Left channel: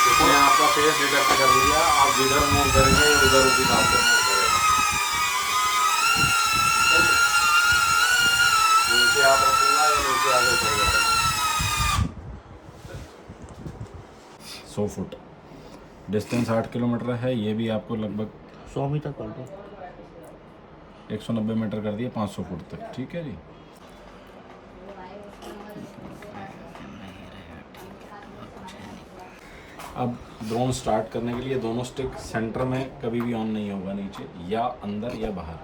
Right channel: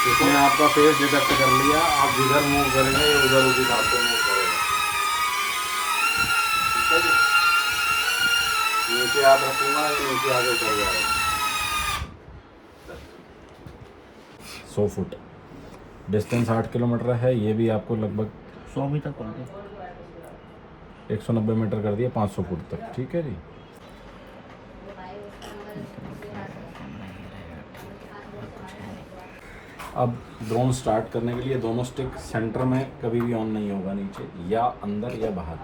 इसने आपका face detect कर लिया, आप जिधर मूव करेंगे ये उधर उसी हिसाब से मूव करेगा। ठीक है जी, नीचे आप रखूँगा, ये नीचे आगे उतर जाएगा। 100 फुट डिस्टेंस 8 किलोमीटर है। ये भी आपको लगभग 100 मीटर कर दो, 190 मीटर कर दिया, 500 फुट तक। ठीक है जी। अब ड्रोन स्टार्ट करने के लिए दोनों स्टिक सेंटर में कभी भी ऑन नहीं होगा, नीचे या अंदर या बाहर।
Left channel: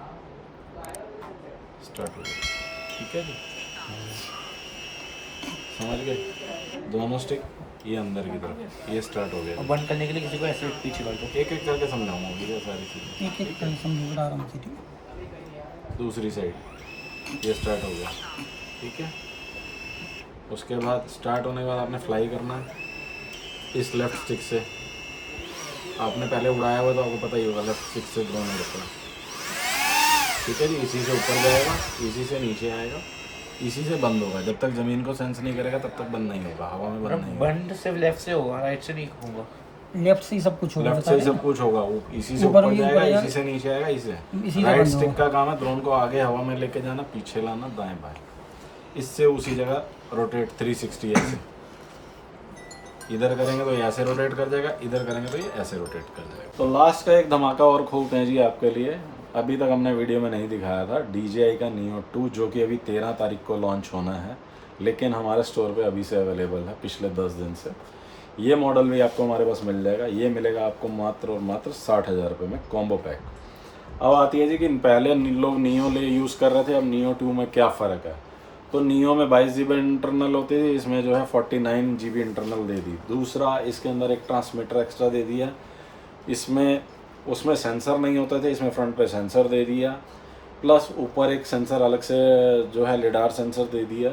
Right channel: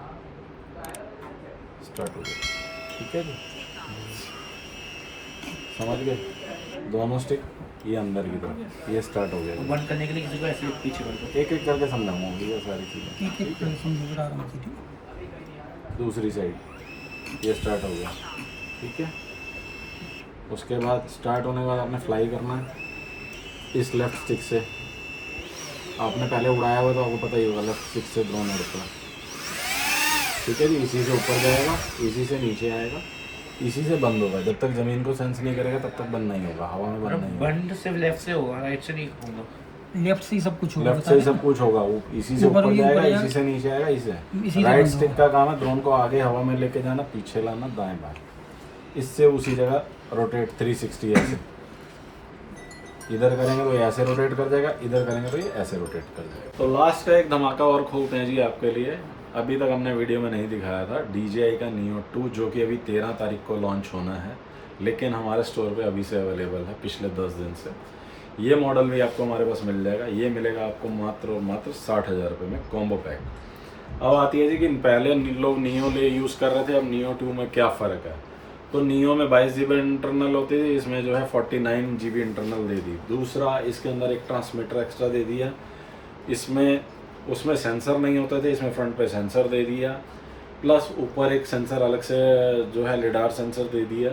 स्टार्ट हो गया। ठीक है जी, समझ गए? दोनों स्टिक ये अंदर की तरफ, ये स्टार्ट हो गया। बंद करने के लिए किसी को ऐसे पीछे कर दो। एक एक करके समझाऊंगा ये सारी चीज़ें। एक एक करके समझो आराम से। ठीक, दूसरी साइड ये स्टार्ट हो गया। ठीक है, उसके बाद स्टार्ट होने के बाद आपने फ्लाई करना है इस लेफ्ट स्टिक से। आपने पहले उड़ाया हुआ तो आपको पता ही होगा, लेफ्ट स्टिक से ड्रोन उड़ता है। ठीक है जी, इसी से ऊपर जाएगा, इसी से नीचे आएगा, इसी से बंद होगा। जब तक ज़मीन को सेंस नहीं करेगा तब तक बंद नहीं होगा, हवा में बंद नहीं होगा। बंद सिर्फ लेफ्ट से होगा, राइट से नहीं होगा। लेफ्ट से ही सब कुछ होगा। लेफ्ट से ही सब कुछ होगा, वो इसी से ऊपर जाएगा, इसी से नीचे आएगा, इसी राइट स्टिक का काम है ड्रोन को आगे हवा में लेके जाना, पीछे लाना, दाएं बाएं। इससे उसी जगह रोटेट 360 ऐसे। इधर करेंगे तो ये ऐसे रोटेट कर जाएगा, इधर करेंगे तो ये ऐसे रोटेट कर जाएगा। तो लास्ट का एक धमाका और खोलते हैं जी आपके लिए। अभी तक हमने वीडियो में नहीं दिखाया था DJI का Neo 2, जो कि अभी 13 तारीख को लॉन्च होना है, लेकिन हमारे स्टोर पे अभी से अवेलेबल है पिछले 10 दिन से। ये मॉडल भी आपको हमारे पास मिल जाएगा। ये मिलेगा आपको मात्र और मात्र 60,000 रुपये में कॉम्बो पैक। अब आती है जी कि पहले लोग Neo ले यूज़ कर रहे थे, अब Neo 2 में क्या फ़र्क है। तो Neo में 22 GB इंटरनल होती थी, इसमें जो है 49 GB इंटरनल दे दी। दूसरा, इसके अंदर एक ट्रांसमीटर एक्स्ट्रा दे दिया। इसमें उसमें सेंसर नहीं होते थे, इसमें फ्रंट पे सेंसर दे दिया, प्लस ऊपर एक सेंसर अलग से जो है लिडार सेंसर दे दिया।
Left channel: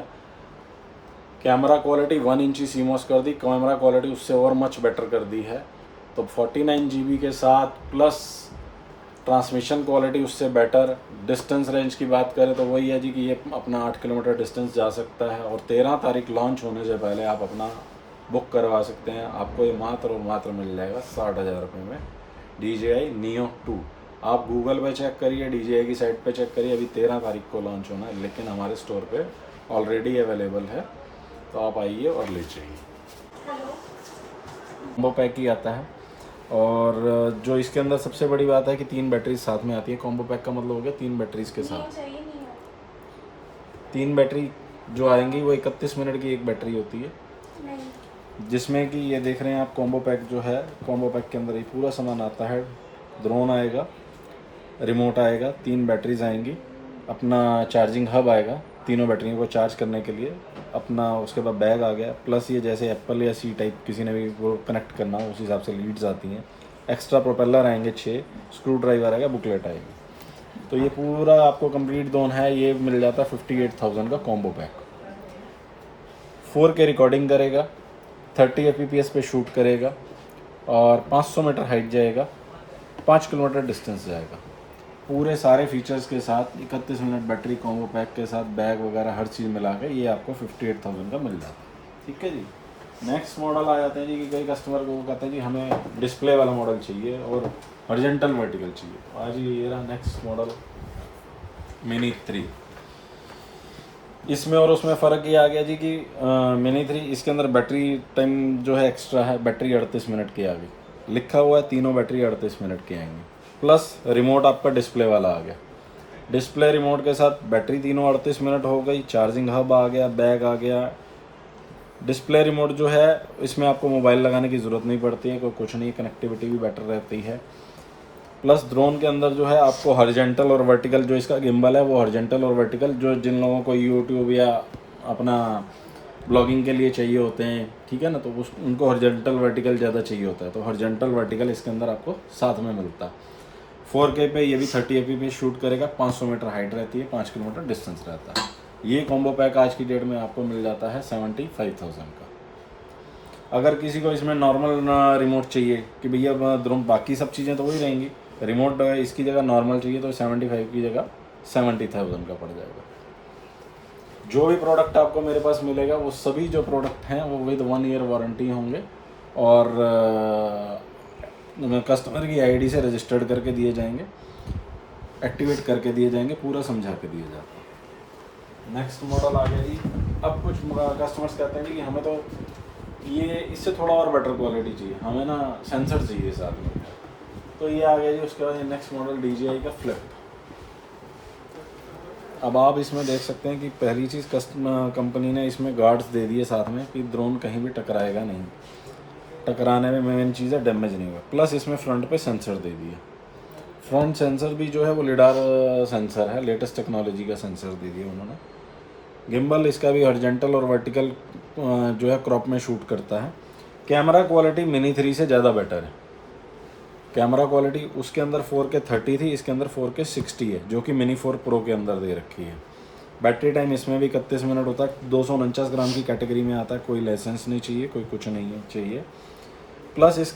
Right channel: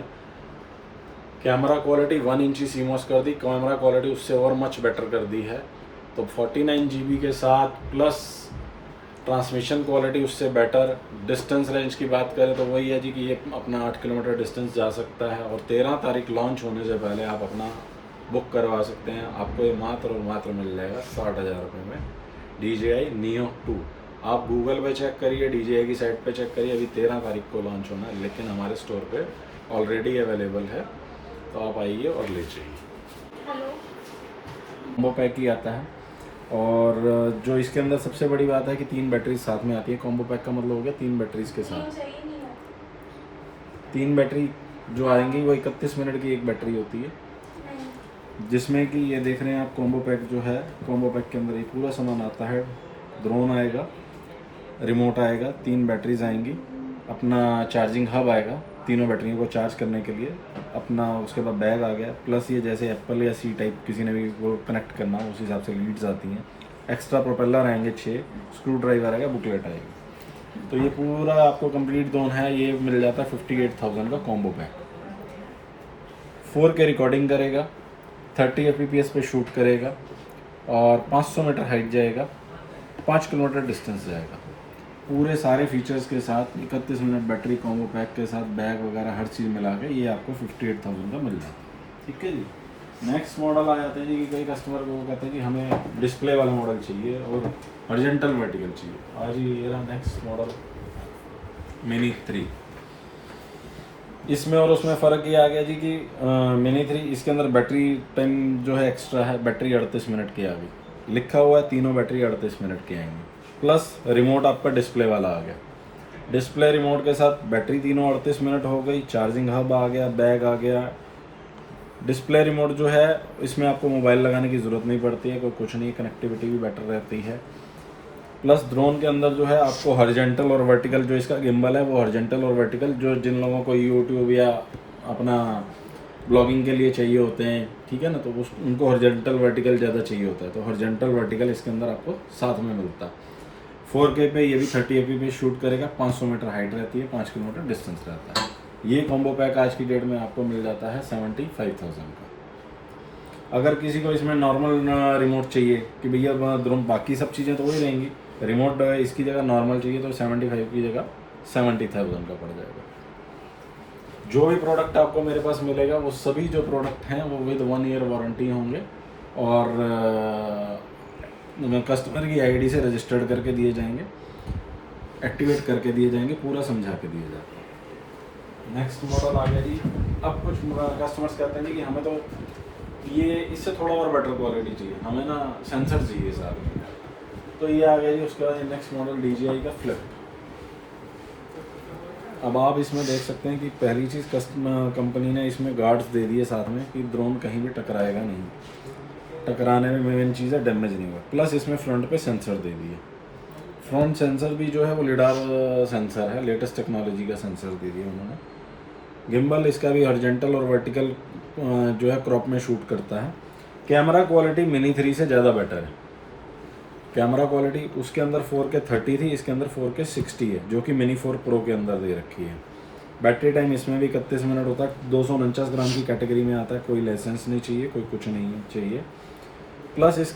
कैमरा क्वालिटी 1 इंची CMOS कर दी, कैमरा क्वालिटी उससे और मच बेटर कर दी है। तो 49 GB के साथ प्लस ट्रांसमिशन क्वालिटी उससे बेटर। डिस्टेंस रेंज की बात करें तो वही है जी कि ये अपना 8 किलोमीटर डिस्टेंस जा सकता है। और 13 तारीख लॉन्च होने से पहले आप अपना बुक करवा सकते हैं। आपको ये मात्र और मात्र मिल जाएगा 60,000 रुपये में DJI Neo 2। आप गूगल पे चेक करिए, DJI की साइट पे चेक करिए, अभी 13 तारीख को लॉन्च होना है, लेकिन हमारे स्टोर पे ऑलरेडी अवेलेबल है। तो आप आइए और ले जाइए। कॉम्बो पैक ही आता है। और जो इसके अंदर सबसे बड़ी बात है कि 3 बैटरी साथ में आती है। कॉम्बो पैक का मतलब हो गया 3 बैटरीज के साथ। 3 बैटरी जो आएंगी वो 31 मिनट की एक बैटरी होती है, जिसमें कि ये देख रहे हैं आप कॉम्बो पैक जो है, कॉम्बो पैक के अंदर ये पूरा सामान आता है। ड्रोन आएगा, रिमोट आएगा, 3 बैटरीज आएंगी, अपना चार्जिंग हब आएगा तीनों बैटरियों को चार्ज करने के लिए, अपना उसके बाद बैग आ गया, प्लस ये जैसे एप्पल या C टाइप किसी ने भी वो कनेक्ट करना हो उस हिसाब से लीड्स आती हैं। एक्स्ट्रा प्रोपेलर आएंगे 6, स्क्रू ड्राइवर आएगा, बुकलेट आएगी। तो ये पूरा आपको कंप्लीट ड्रोन है, ये मिल जाता है 58,000 का कॉम्बो पैक। 4K रिकॉर्डिंग करेगा, 30 fps पे शूट करेगा और 500 मीटर हाइट जाएगा, 5 किलोमीटर डिस्टेंस जाएगा। पूरे सारे फीचर्स के साथ 31 मिनट बैटरी कॉम्बो पैक के साथ बैग वगैरह हर चीज़ मिला के ये आपको 58,000 का मिल जाता है। ठीक है जी। नेक्स्ट मॉडल आ जाते हैं जी कि कई कस्टमर को वो कहते हैं कि हमें डिस्प्ले वाला मॉडल चाहिए और हॉरिजॉन्टल वर्टिकल चाहिए। आज ये रहा नेक्स्ट मॉडल Mini 3। इसमें और उसमें फ़र्क ये आ गया जी कि Mini 3 इसके अंदर बैटरी टाइम जो है एक्स्ट्रा है, बैटरी 38 मिनट की आ गई, लिखा हुआ है तीनों बैटरी 38 मिनट की आएंगी। प्लस रिमोट आपका डिस्प्ले वाला आ गया, डिस्प्ले रिमोट के साथ बैटरी तीनों 38 मिनट हो गई, चार्जिंग हब आ गया, बैग आ गया। डिस्प्ले रिमोट जो है इसमें आपको मोबाइल लगाने की ज़रूरत नहीं पड़ती है, कोई कुछ नहीं, कनेक्टिविटी भी बेटर रहती है। प्लस ड्रोन के अंदर जो है आपको हॉरिजॉन्टल और वर्टिकल जो इसका गिम्बल है वो हॉरिजॉन्टल और वर्टिकल, जो जिन लोगों को यूट्यूब या अपना ब्लॉगिंग के लिए चाहिए होते हैं, ठीक है ना, तो उनको हॉरिजॉन्टल वर्टिकल ज़्यादा चाहिए होता है, तो हॉरिजॉन्टल वर्टिकल इसके अंदर आपको साथ में मिलता है। 4K पे ये भी 30 fps शूट करेगा, 500 मीटर हाइट रहती है, 5 किलोमीटर डिस्टेंस रहता है। ये कॉम्बो पैक आज की डेट में आपको मिल जाता है 75,000 का। अगर किसी को इसमें नॉर्मल रिमोट चाहिए कि भैया बाकी सब चीज़ें तो वही रहेंगी, रिमोट इसकी जगह नॉर्मल चाहिए तो 75 की जगह 70,000 का पड़ जाएगा। जो भी प्रोडक्ट आपको मेरे पास मिलेगा वो सभी जो प्रोडक्ट हैं वो विद 1 ईयर वारंटी होंगे और कस्टमर की आईडी से रजिस्टर्ड करके दिए जाएंगे, एक्टिवेट करके दिए जाएंगे, पूरा समझा के दिए जाते हैं। नेक्स्ट मॉडल आ गया जी। अब कुछ कस्टमर्स कहते हैं जी कि हमें तो ये इससे थोड़ा और बेटर क्वालिटी चाहिए, हमें ना सेंसर चाहिए साथ में, तो ये आ गया जी। उसके बाद नेक्स्ट मॉडल DJI का फ्लिप। अब आप इसमें देख सकते हैं कि पहली चीज़ कंपनी ने इसमें गार्ड्स दे दिए साथ में कि ड्रोन कहीं भी टकराएगा नहीं, टकराने में मेन चीज़ है डैमेज नहीं हुआ। प्लस इसमें फ्रंट पे सेंसर दे दिए, फ्रंट सेंसर भी जो है वो लिडार सेंसर है, लेटेस्ट टेक्नोलॉजी का सेंसर दे दिया उन्होंने। गिम्बल इसका भी हॉरिजॉन्टल और वर्टिकल जो है क्रॉप में शूट करता है। कैमरा क्वालिटी मिनी 3 से ज़्यादा बेटर है। कैमरा क्वालिटी उसके अंदर 4K 30 थी, इसके अंदर 4K 60 है, जो कि मिनी 4 प्रो के अंदर दे रखी है। बैटरी टाइम इसमें भी 31 मिनट होता है, 249 ग्राम की कैटेगरी में आता है, कोई लाइसेंस नहीं चाहिए, कोई कुछ नहीं है चाहिए। प्लस इस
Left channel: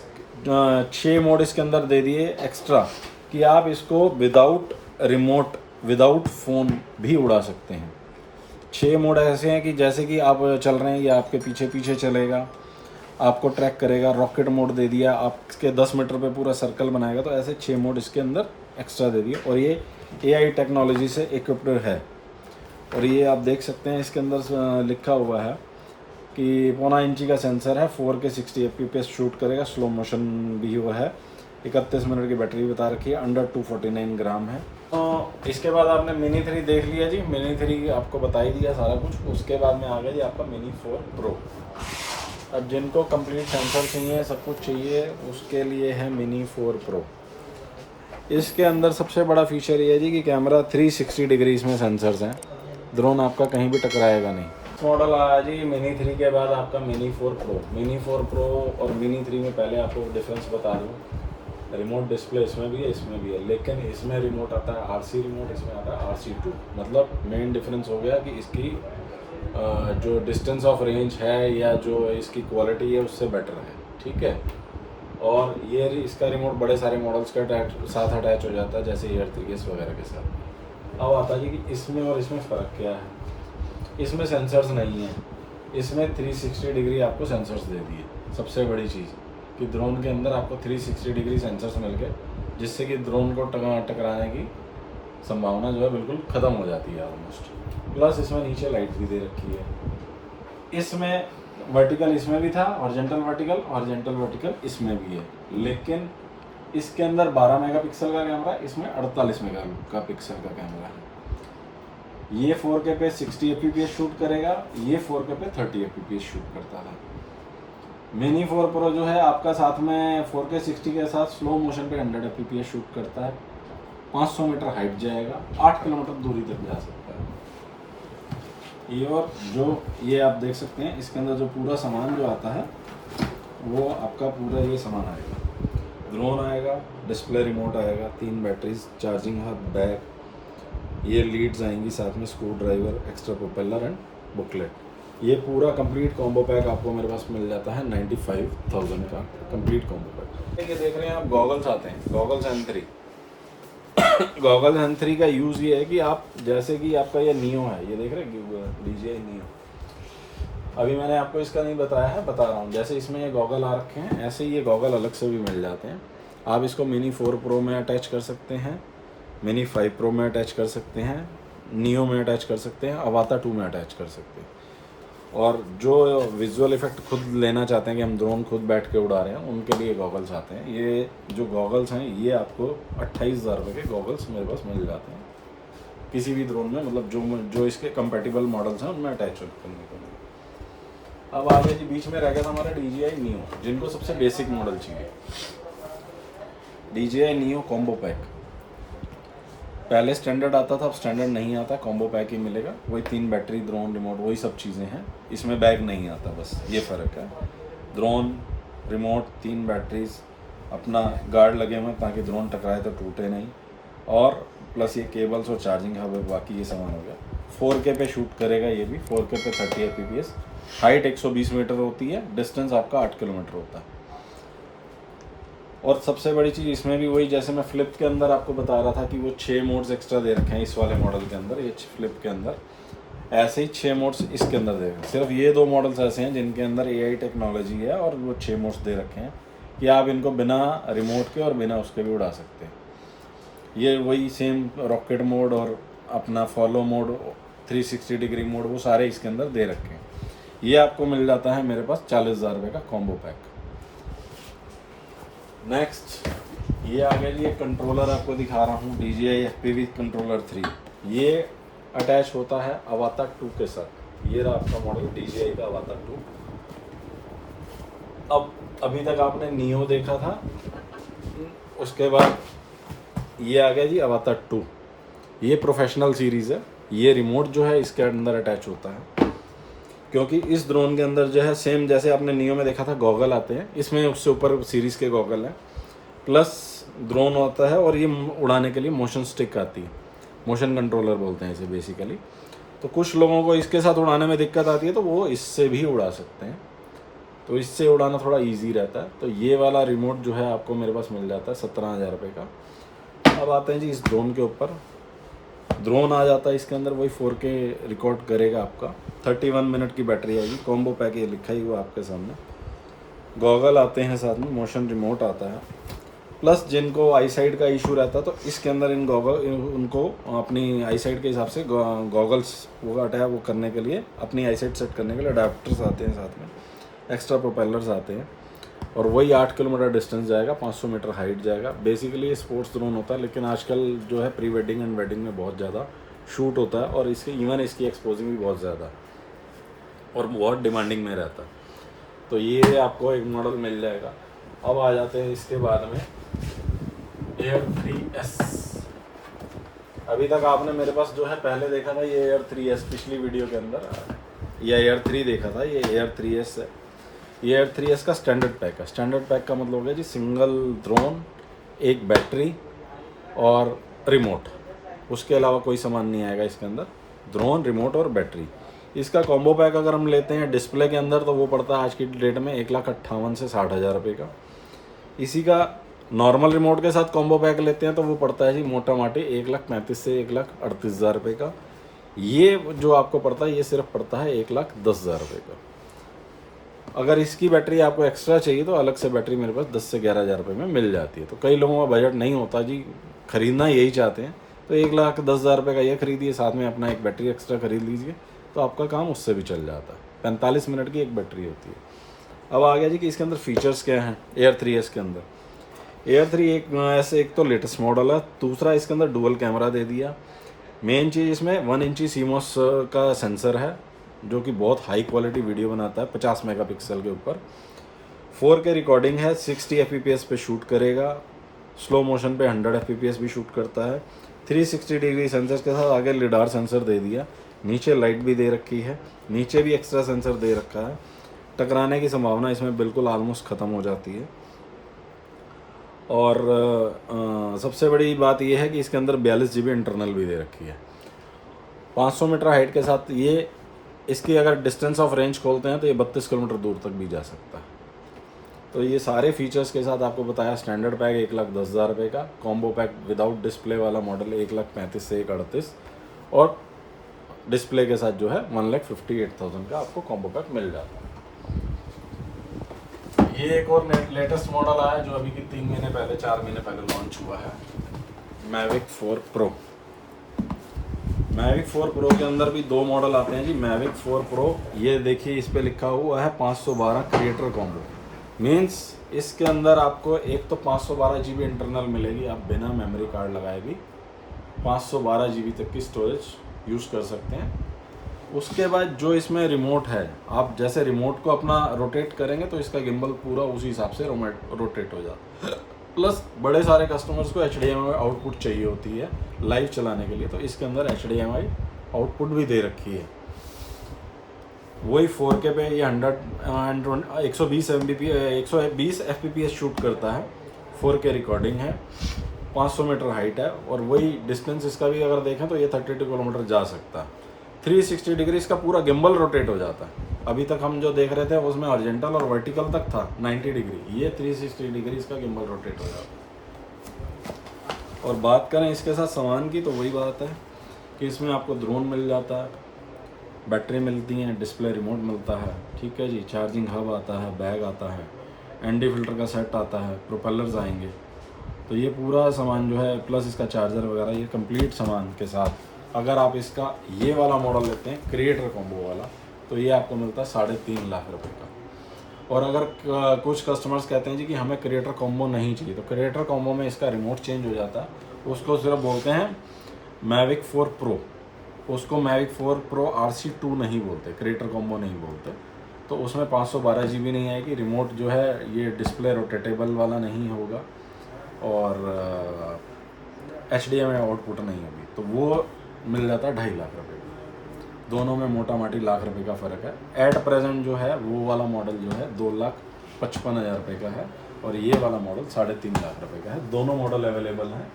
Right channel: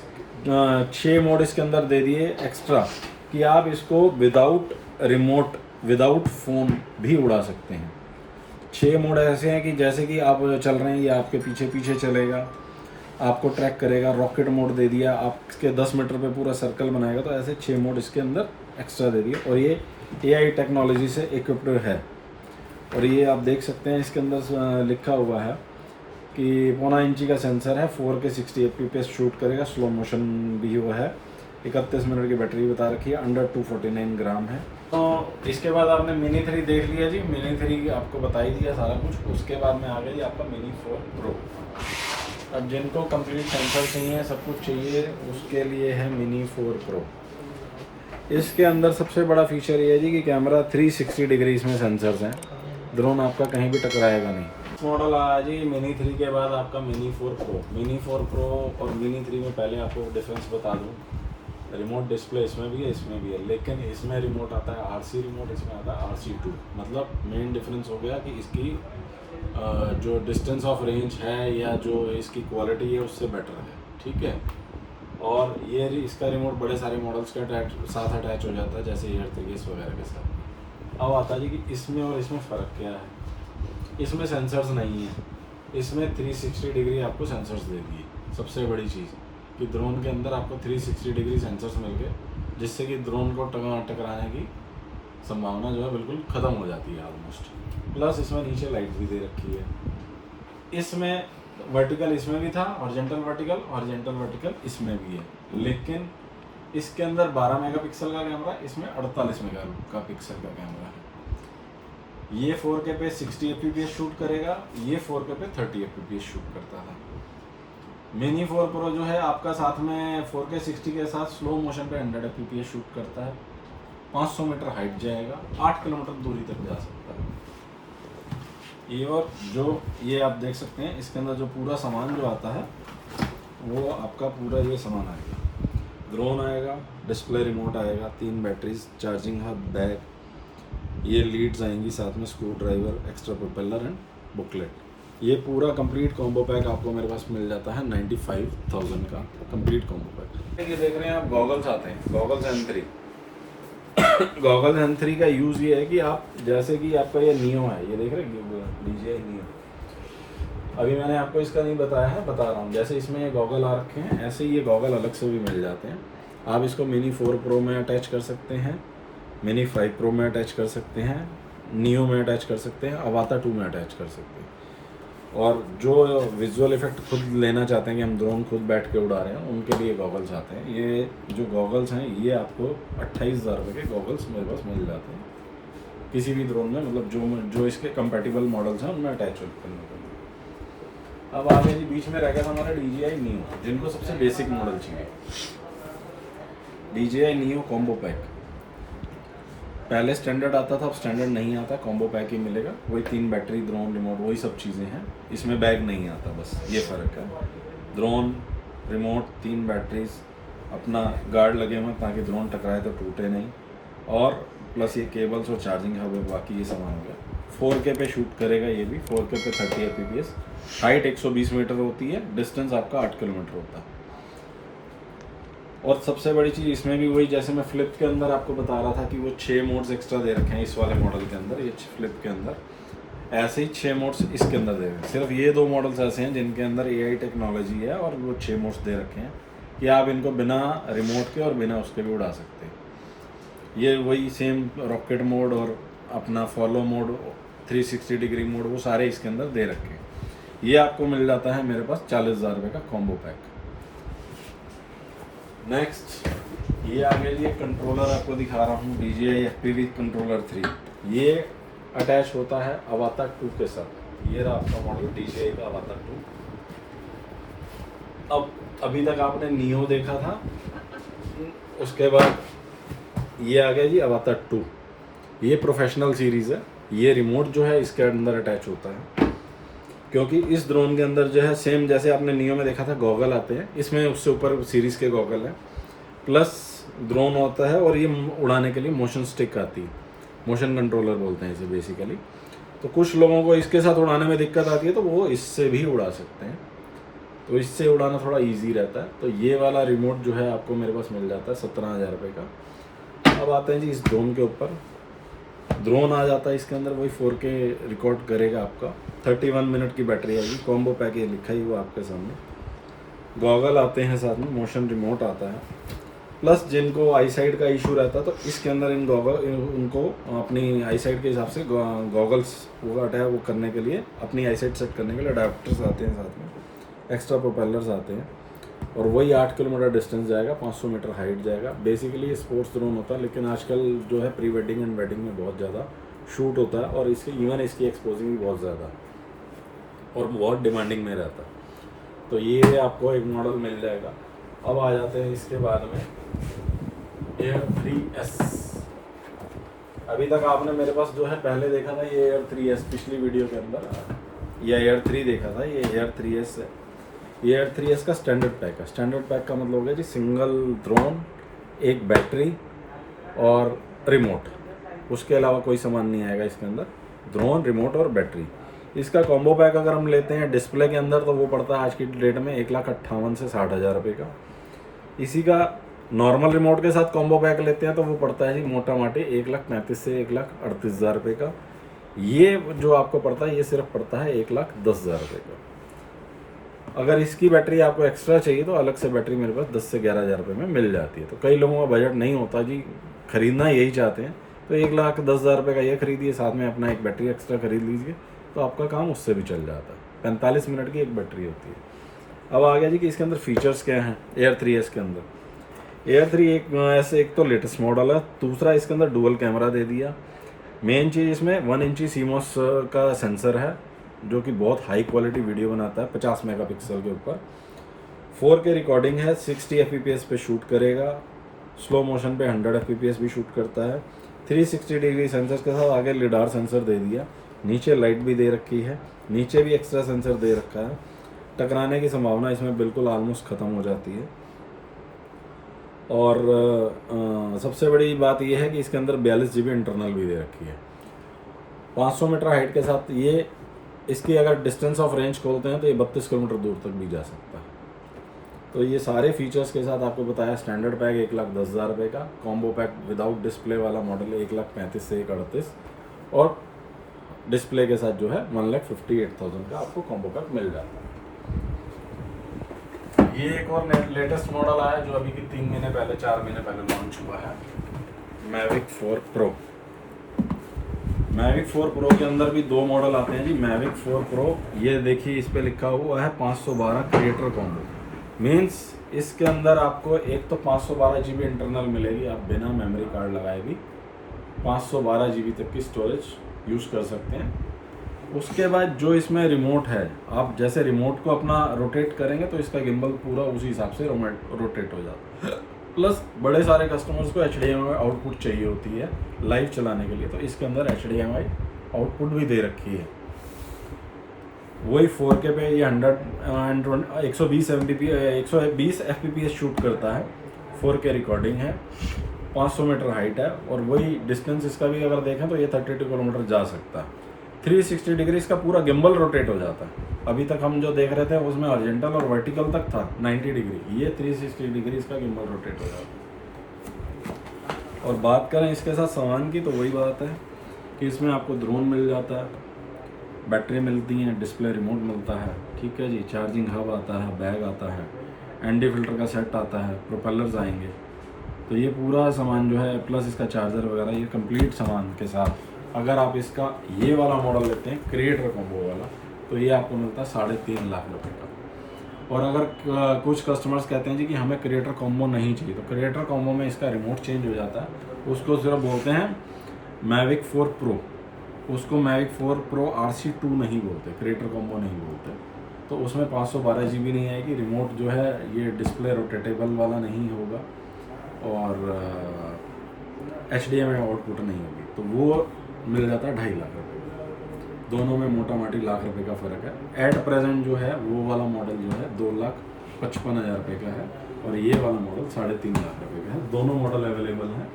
6 मोड इसके अंदर दे दिए एक्स्ट्रा कि आप इसको विदाउट रिमोट, विदाउट फ़ोन भी उड़ा सकते हैं। 6 मोड ऐसे हैं कि जैसे कि आप चल रहे हैं, ये आपके पीछे पीछे चलेगा, आपको ट्रैक करेगा। रॉकेट मोड दे दिया, आपके 10 मीटर पे पूरा सर्कल बनाएगा। तो ऐसे 6 मोड इसके अंदर एक्स्ट्रा दे दिए, और ये AI टेक्नोलॉजी से इक्विप्ड है। और ये आप देख सकते हैं इसके अंदर लिखा हुआ है कि 1.5 इंची का सेंसर है, 4K 60 FPS शूट करेगा, स्लो मोशन भी हुआ है, 31 मिनट की बैटरी बता रखी है, अंडर 249 ग्राम है। तो इसके बाद आपने मिनी 3 देख लिया जी, मिनी 3 आपको बता ही दिया सारा कुछ। उसके बाद में आ गया जी आपका मिनी 4 प्रो। अब जिनको कंप्लीट सेंसर चाहिए, सब कुछ चाहिए, उसके लिए है मिनी 4 प्रो। इसके अंदर सबसे बड़ा फीचर ये है जी कि कैमरा 360 डिग्री इसमें सेंसर्स हैं, ड्रोन आपका कहीं भी टकराएगा नहीं। मॉडल आया जी मिनी 3 के बाद आपका मिनी 4 प्रो। मिनी 4 प्रो और मिनी 3 में पहले आपको डिफरेंस बता दूँ, रिमोट डिस्प्ले इसमें भी है, इसमें भी है, लेकिन इसमें रिमोट आता है RC रिमोट, इसमें आता है RC2। मतलब मेन डिफरेंस हो गया कि इसकी जो डिस्टेंस ऑफ रेंज है या जो इसकी क्वालिटी है उससे बेटर है, ठीक है। और ये इसका रिमोट बड़े सारे मॉडल्स के साथ अटैच हो जाता है, जैसे एयर 3S वगैरह के साथ। अब आता है जी कि इसमें और इसमें फ़र्क क्या है। इसमें सेंसर्स नहीं है, इसमें 360 डिग्री आपको सेंसर्स दे दिए। सबसे बड़ी चीज़ कि ड्रोन के अंदर आपको 360 डिग्री सेंसर्स मिल गए, जिससे कि ड्रोन को टकराने की संभावना जो है बिल्कुल ख़त्म हो जाती है ऑलमोस्ट। प्लस इसमें नीचे लाइट भी दे रखी है। इसमें वर्टिकल इसमें भी था, हॉरिजॉन्टल वर्टिकल इसमें भी है, लेकिन इसके अंदर 12 मेगापिक्सल का कैमरा, इसमें 48 मेगापिक्सल का कैमरा है। ये 4K पे 60 FPS शूट करेगा, ये 4K पे 30 FPS शूट करता है। मिनी 4 प्रो जो है आपका साथ में 4K 60 के साथ स्लो मोशन पे 100 FPS शूट करता है, 500 मीटर हाइट जाएगा, 8 किलोमीटर दूरी तक जा सकता है। ये और जो ये आप देख सकते हैं, इसके अंदर जो पूरा सामान जो आता है वो आपका पूरा ये सामान आएगा। ड्रोन आएगा, डिस्प्ले रिमोट आएगा, 3 बैटरीज, चार्जिंग हब, बैग, ये लीड्स आएंगी साथ में, screw driver, extra propeller and booklet. ये पूरा कंप्लीट कॉम्बो पैक आपको मेरे पास मिल जाता है 95,000 का कंप्लीट कॉम्बो पैक। ये देख रहे हैं आप, गॉगल्स आते हैं, गॉगल्स N3। गॉगल्स N3 का यूज़ ये है कि आप जैसे कि आपका ये नियो है, ये देख रहे हैं DJI नियो, अभी मैंने आपको इसका नहीं बताया है, बता रहा हूँ। जैसे इसमें ये गॉगल आ रखे हैं, ऐसे ही ये गॉगल अलग से भी मिल जाते हैं। आप इसको मिनी 4 प्रो में अटैच कर सकते हैं, मिनी 5 प्रो में अटैच कर सकते हैं, नियो में अटैच कर सकते हैं, अवाता 2 में अटैच कर सकते हैं। और जो विजुअल इफेक्ट खुद लेना चाहते हैं कि हम ड्रोन खुद बैठ के उड़ा रहे हैं, उनके लिए गॉगल्स आते हैं। ये जो गॉगल्स हैं ये आपको 28,000 रुपये के गॉगल्स मेरे पास मिल जाते हैं किसी भी ड्रोन में, मतलब जो इसके कंपैटिबल मॉडल्स हैं उनमें अटैच करने के लिए। अब आगे जी बीच में रह गया था हमारा DJI नियो, जिनको सबसे बेसिक मॉडल चाहिए। DJI नियो कॉम्बो पैक पहले स्टैंडर्ड आता था, अब स्टैंडर्ड नहीं आता, कॉम्बो पैक ही मिलेगा। वही 3 बैटरी, ड्रोन, रिमोट, वही सब चीज़ें हैं। इसमें बैग नहीं आता, बस ये फ़र्क है। ड्रोन, रिमोट, 3 बैटरीज, अपना गार्ड लगे हुए ताकि ड्रोन टकराए तो टूटे नहीं, और प्लस ये केबल्स और चार्जिंग हब, बाकी ये सामान होगा। 4K पे शूट करेगा ये भी, 4K पे 30 FPS, हाइट 120 मीटर होती है, डिस्टेंस आपका 8 किलोमीटर होता है। और सबसे बड़ी चीज़ इसमें भी वही, जैसे मैं फ्लिप के अंदर आपको बता रहा था कि वो 6 मोड्स एक्स्ट्रा दे रखे हैं इस वाले मॉडल के अंदर, ये फ्लिप के अंदर ऐसे ही 6 मोड्स इसके अंदर दे रखे हैं। सिर्फ ये 2 मॉडल्स ऐसे हैं जिनके अंदर AI टेक्नोलॉजी है और वो 6 मोड्स दे रखे हैं कि आप इनको बिना रिमोट के और बिना उसके भी उड़ा सकते हैं। ये वही सेम रॉकेट मोड और अपना फॉलो मोड, 360 डिग्री मोड, वो सारे इसके अंदर दे रखे हैं। ये आपको मिल जाता है मेरे पास 40,000 रुपये का कॉम्बो पैक। नेक्स्ट ये आ गया जी, ये कंट्रोलर आपको दिखा रहा हूँ, DJI FPV कंट्रोलर 3। ये अटैच होता है अवातर 2 के साथ। ये रहा आपका मॉडल DJI का अवातर 2। अब अभी तक आपने नियो देखा था, उसके बाद ये आ गया जी अवातर 2। ये प्रोफेशनल सीरीज़ है। ये रिमोट जो है इसके अंदर अटैच होता है, क्योंकि इस ड्रोन के अंदर जो है सेम जैसे आपने नियो में देखा था गॉगल आते हैं, इसमें उससे ऊपर सीरीज़ के गॉगल हैं, प्लस ड्रोन होता है और ये उड़ाने के लिए मोशन स्टिक आती है, मोशन कंट्रोलर बोलते हैं इसे बेसिकली। तो कुछ लोगों को इसके साथ उड़ाने में दिक्कत आती है तो वो इससे भी उड़ा सकते हैं, तो इससे उड़ाना थोड़ा इजी रहता है। तो ये वाला रिमोट जो है आपको मेरे पास मिल जाता है 17,000 रुपये का। अब आते हैं जी इस ड्रोन के ऊपर। ड्रोन आ जाता है इसके अंदर, वही 4K रिकॉर्ड करेगा आपका, 31 मिनट की बैटरी आएगी। कॉम्बो पैक ये लिखा ही हुआ आपके सामने। गॉगल आते हैं साथ में, मोशन रिमोट आता है, प्लस जिनको आई साइड का इशू रहता है तो इसके अंदर इन गॉगल उनको अपनी आई साइड के हिसाब से गॉगल्स वो अटैच वो करने के लिए, अपनी आई साइड सेट करने के लिए अडाप्टर्स आते हैं साथ में, एक्स्ट्रा प्रोपेलर्स आते हैं। और वही 8 किलोमीटर डिस्टेंस जाएगा, 500 मीटर हाइट जाएगा। बेसिकली ये स्पोर्ट्स ड्रोन होता है, लेकिन आजकल जो है प्री वेडिंग एंड वेडिंग में बहुत ज़्यादा शूट होता है और इसके इवन इसकी एक्सपोजिंग भी बहुत ज़्यादा और बहुत डिमांडिंग में रहता है। तो ये आपको एक मॉडल मिल जाएगा। अब आ जाते हैं इसके बाद में Air 3S। अभी तक आपने मेरे पास जो है पहले देखा था ये Air 3S, पिछली वीडियो के अंदर ये Air 3 देखा था, ये Air 3S है। ये Air 3S का स्टैंडर्ड पैक है। स्टैंडर्ड पैक का मतलब हो गया जी सिंगल ड्रोन, एक बैटरी और रिमोट, उसके अलावा कोई सामान नहीं आएगा इसके अंदर। ड्रोन, रिमोट और बैटरी। इसका कॉम्बो पैक अगर हम लेते हैं डिस्प्ले के अंदर तो वो पड़ता है आज की डेट में 1,58,000 से 60,000 रुपये का। इसी का नॉर्मल रिमोट के साथ कॉम्बो पैक लेते हैं तो वो पड़ता है जी मोटा माटी 1,35,000 से 1,38,000 रुपये का। ये जो आपको पड़ता है ये सिर्फ पड़ता है 1,10,000 रुपये का। अगर इसकी बैटरी आपको एक्स्ट्रा चाहिए तो अलग से बैटरी मेरे पास 10 से 11,000 रुपये में मिल जाती है। तो कई लोगों का बजट नहीं होता जी, खरीदना यही चाहते हैं, तो 1,10,000 रुपये का ये खरीदिए, साथ में अपना एक बैटरी एक्स्ट्रा खरीद लीजिए, तो आपका काम उससे भी चल जाता है। 45 मिनट की एक बैटरी होती है। अब आ गया जी कि इसके अंदर फीचर्स क्या हैं Air 3S के अंदर। Air 3 एक तो लेटेस्ट मॉडल है, दूसरा इसके अंदर डुअल कैमरा दे दिया। मेन चीज़ इसमें 1 इंची CMOS का सेंसर है जो कि बहुत हाई क्वालिटी वीडियो बनाता है, 50 मेगापिक्सल के ऊपर। 4K रिकॉर्डिंग है, 60 FPS पे शूट करेगा, स्लो मोशन पे 100 FPS भी शूट करता है। 360 डिग्री सेंसर के साथ आगे लिडार सेंसर दे दिया, नीचे लाइट भी दे रखी है, नीचे भी एक्स्ट्रा सेंसर दे रखा है। टकराने की संभावना इसमें बिल्कुल ऑलमोस्ट ख़त्म हो जाती है। और सबसे बड़ी बात यह है कि इसके अंदर 42 GB इंटरनल भी दे रखी है। 500 मीटर हाइट के साथ ये इसकी अगर डिस्टेंस ऑफ रेंज खोलते हैं तो ये 32 किलोमीटर दूर तक भी जा सकता है। तो ये सारे फीचर्स के साथ आपको बताया। स्टैंडर्ड पैक 1,10,000 रुपये का, कॉम्बो पैक विदाउट डिस्प्ले वाला मॉडल 1,35,000 से 1,38,000 और डिस्प्ले के साथ जो है 1,58,000 का आपको कॉम्बो पैक मिल जाता है। ये एक और लेटेस्ट मॉडल आया जो अभी भी 3 महीने पहले 4 महीने पहले लॉन्च हुआ है, Mavic 4 Pro। Mavic 4 Pro के अंदर भी 2 मॉडल आते हैं जी। Mavic 4 Pro, ये देखिए इस पे लिखा हुआ है 512 क्रिएटर कॉम्बो। मीन्स इसके अंदर आपको एक तो 512 GB इंटरनल मिलेगी, आप बिना मेमोरी कार्ड लगाए भी 512 GB तक की स्टोरेज यूज़ कर सकते हैं। उसके बाद जो इसमें रिमोट है, आप जैसे रिमोट को अपना रोटेट करेंगे तो इसका गिम्बल पूरा उसी हिसाब से रोटेट हो जाता है। प्लस बड़े सारे कस्टमर्स को HDMI आउटपुट चाहिए होती है लाइव चलाने के लिए, तो इसके अंदर HDMI आउटपुट भी दे रखी है। वही 4K पे ये 120 FPS शूट करता है, 4K रिकॉर्डिंग है, 500 मीटर हाइट है और वही डिस्टेंस इसका भी अगर देखें तो ये 32 किलोमीटर जा सकता है। 360 डिग्री इसका पूरा गिम्बल रोटेट हो जाता है। अभी तक हम जो देख रहे थे उसमें हॉरिजॉन्टल और वर्टिकल तक था 90 डिग्री, ये 360 डिग्री इसका गिम्बल रोटेट हो जाता है। और बात करें इसके साथ सामान की तो वही बात है कि इसमें आपको ड्रोन मिल जाता है, बैटरी मिलती है, डिस्प्ले रिमोट मिलता है, ठीक है जी, चार्जिंग हब आता है, बैग आता है, एनडी फिल्टर का सेट आता है, प्रोपेलर्स आएंगे। तो ये पूरा सामान जो है प्लस इसका चार्जर वगैरह, ये कंप्लीट सामान के साथ अगर आप इसका ये वाला मॉडल लेते हैं क्रिएटर कॉम्बो वाला, तो ये आपको मिलता है 3.5 लाख रुपये का। और अगर कुछ कस्टमर्स कहते हैं जी कि हमें क्रिएटर कॉम्बो नहीं चाहिए, तो क्रिएटर कॉम्बो में इसका रिमोट चेंज हो जाता है, उसको सिर्फ बोलते हैं मैविक 4 प्रो, उसको मैविक 4 प्रो RC2 नहीं बोलते, क्रिएटर कॉम्बो नहीं बोलते। तो उसमें 512 GB नहीं आएगी, रिमोट जो है ये डिस्प्ले रोटेटेबल वाला नहीं होगा और HDMI आउटपुट नहीं होगी, तो वो मिल जाता है 2.5 लाख रुपये। दोनों में मोटा मोटी लाख रुपए का फ़र्क है। एट प्रेजेंट जो है वो वाला मॉडल जो है 2,55,000 रुपये का है और ये वाला मॉडल 3.5 लाख रुपये का है। दोनों मॉडल अवेलेबल हैं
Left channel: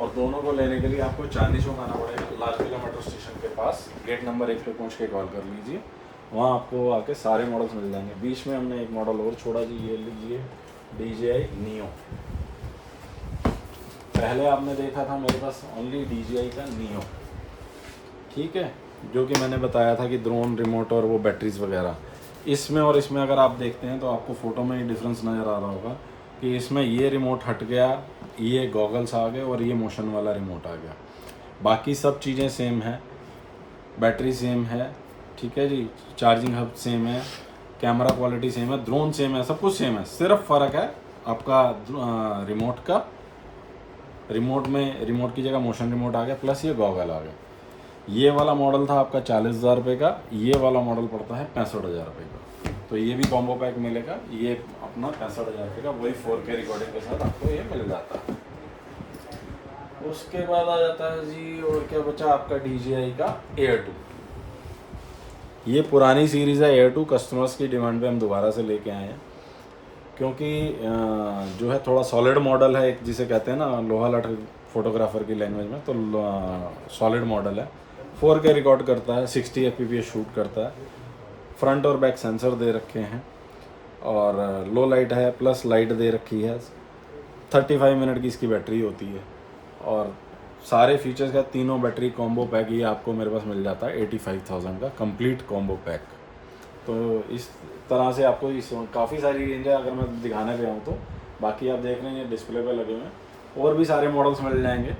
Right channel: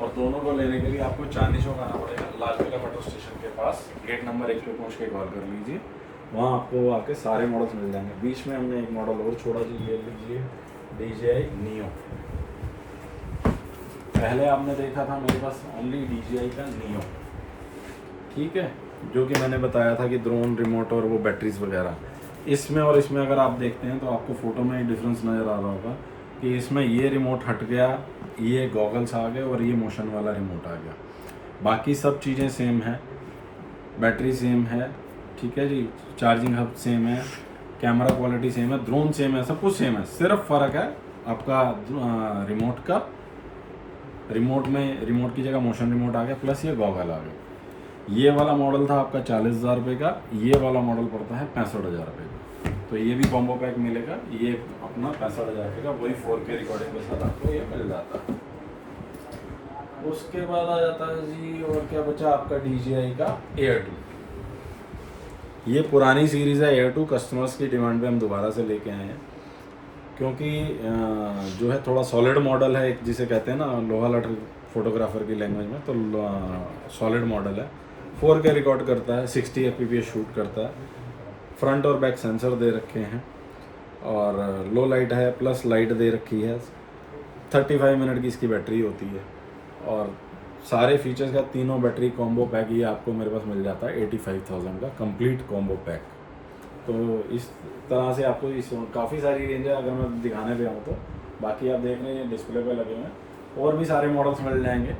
और दोनों को लेने के लिए आपको चांदनी चौक आना पड़ेगा, लाल किला मेट्रो स्टेशन के पास, गेट नंबर 1 पे पहुँच के कॉल कर लीजिए, वहाँ आपको आके सारे मॉडल्स मिल जाएंगे। बीच में हमने एक मॉडल और छोड़ा जी, ये लीजिए DJI Neo। पहले आपने देखा था मेरे पास ओनली DJI का Neo, ठीक है, जो कि मैंने बताया था कि ड्रोन रिमोट और वो बैटरीज वगैरह। इसमें और इसमें अगर आप देखते हैं तो आपको फ़ोटो में एक डिफरेंस नज़र आ रहा होगा कि इसमें ये रिमोट हट गया, ये गॉगल्स आ गए और ये मोशन वाला रिमोट आ गया। बाकी सब चीज़ें सेम है, बैटरी सेम है, ठीक है जी, चार्जिंग हब सेम है, कैमरा क्वालिटी सेम है, ड्रोन सेम है, सब कुछ सेम है। सिर्फ फ़र्क है आपका रिमोट का, रिमोट की जगह मोशन रिमोट आ गया, प्लस ये गॉगल आ गया। ये वाला मॉडल था आपका 40,000 रुपये का, ये वाला मॉडल पड़ता है 65,000 रुपये का। तो ये भी कॉम्बो पैक मिलेगा, ये अपना 65,000 रुपये का, वही 4K रिकॉर्डिंग के साथ आपको ये मिल जाता है। उसके बाद आ जाता है जी, और क्या बचा आपका DJI का Air 2। ये पुरानी सीरीज़ है Air 2, कस्टमर्स की डिमांड पे हम दोबारा से लेके आए हैं, क्योंकि जो है थोड़ा सॉलिड मॉडल है, एक जिसे कहते हैं ना लोहा लठ फोटोग्राफर की लैंग्वेज में, तो सॉलिड मॉडल है, 4K रिकॉर्ड करता है, 60 fps शूट करता है, फ्रंट और बैक सेंसर दे रखे हैं और लो लाइट है, प्लस लाइट दे रखी है, 35 मिनट की इसकी बैटरी होती है और सारे फीचर्स का तीनों बैटरी कॉम्बो पैक ये आपको मेरे पास मिल जाता है 85,000 का कंप्लीट कॉम्बो पैक। तो इस तरह से आपको इस काफ़ी सारी रेंज है, अगर मैं दिखाने पे आऊँ तो। बाकी आप देख रहे हैं डिस्प्ले पे लगे हुए हैं, और भी सारे मॉडल्स मिल जाएंगे।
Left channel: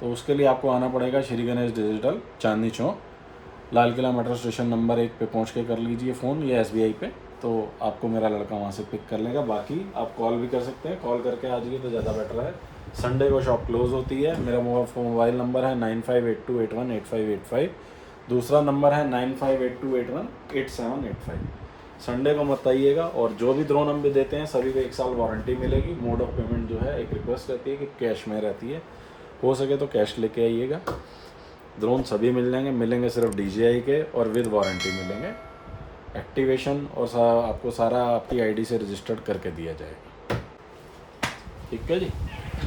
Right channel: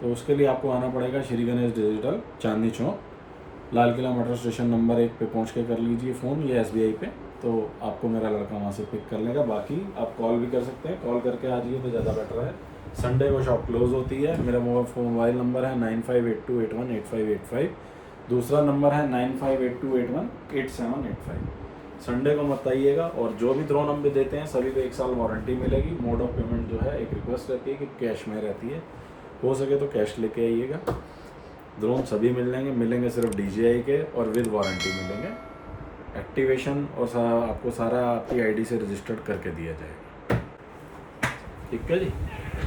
तो उसके लिए आपको आना पड़ेगा Shri Ganesh digital, Chandni Chowk, Lal Qila metro station number 1 पे पहुंच के कर लीजिए फ़ोन या SBI पे, तो आपको मेरा लड़का वहां से पिक कर लेगा। बाकी आप कॉल भी कर सकते हैं, कॉल करके आ जाइए तो ज़्यादा बेटर है। संडे को शॉप क्लोज होती है। मेरा मोबाइल नंबर है 9582818585, दूसरा नंबर है 9582818785। संडे को मत आइएगा। और जो भी ड्रोन हम भी देते हैं सभी को 1 साल वारंटी मिलेगी। मोड ऑफ पेमेंट जो है एक रिक्वेस्ट रहती है कि कैश में रहती है, हो सके तो कैश लेके आइएगा। ड्रोन सभी मिलेंगे सिर्फ DJI के, और विद वारंटी मिलेंगे। एक्टिवेशन और आपको सारा आपकी ID से रजिस्टर्ड करके दिया जाएगा। ठीक है जी।